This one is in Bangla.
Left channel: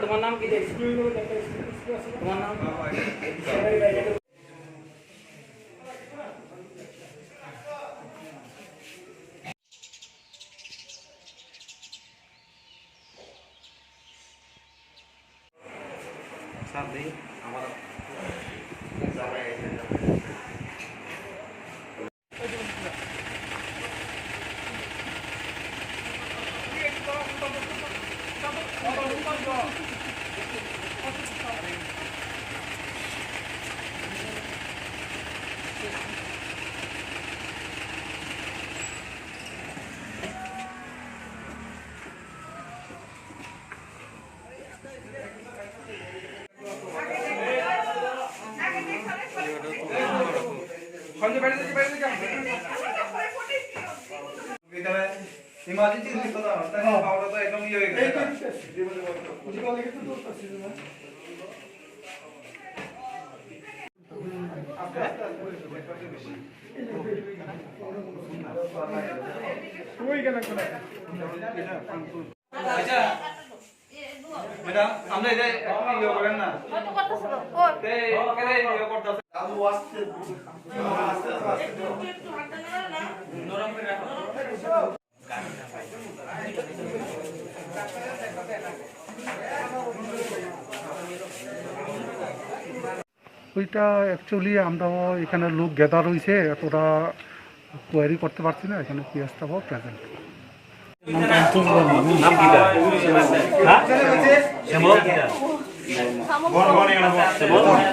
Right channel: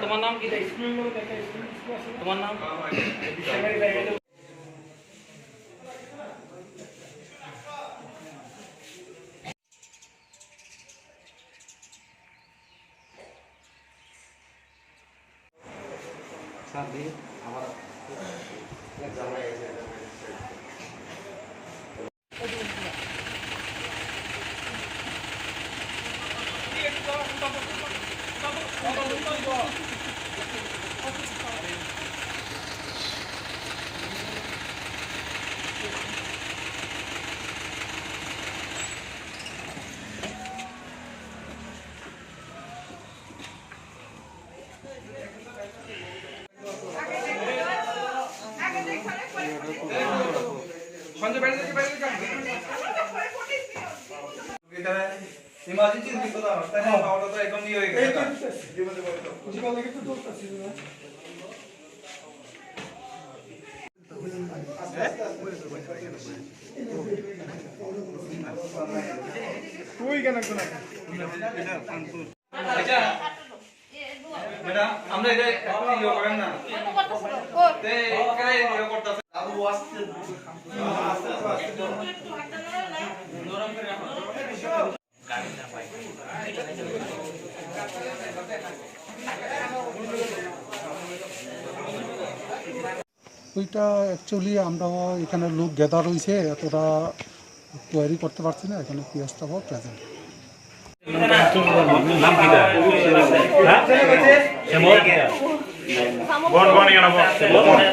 তোমার নাম কি? তোমার নাম? সাথে আমার इमरजेंसी दिखता था तने पावडा तो एकदम ये हो गया था कुछ कॉल लेके तो दूर तक सीधे ना कोई क्या ना कोना अच्छा बेटा আমরা এটা আপনি ইয়ে করেন না কত করতেছিল ও তে করে ইয়ে করতেছে আবু আসছে আস্তে আস্তে একটু হাত না নরম করে রাখো গাড়িটা পাই ওইটা অ্যাকচুয়ালি আমরাও এখানে লোক গ্যাদার হয়েছে এতটা কোয়ারি করতে পারছি না এখানে পিয়াজটাও প্রেজেন্ট নাম কি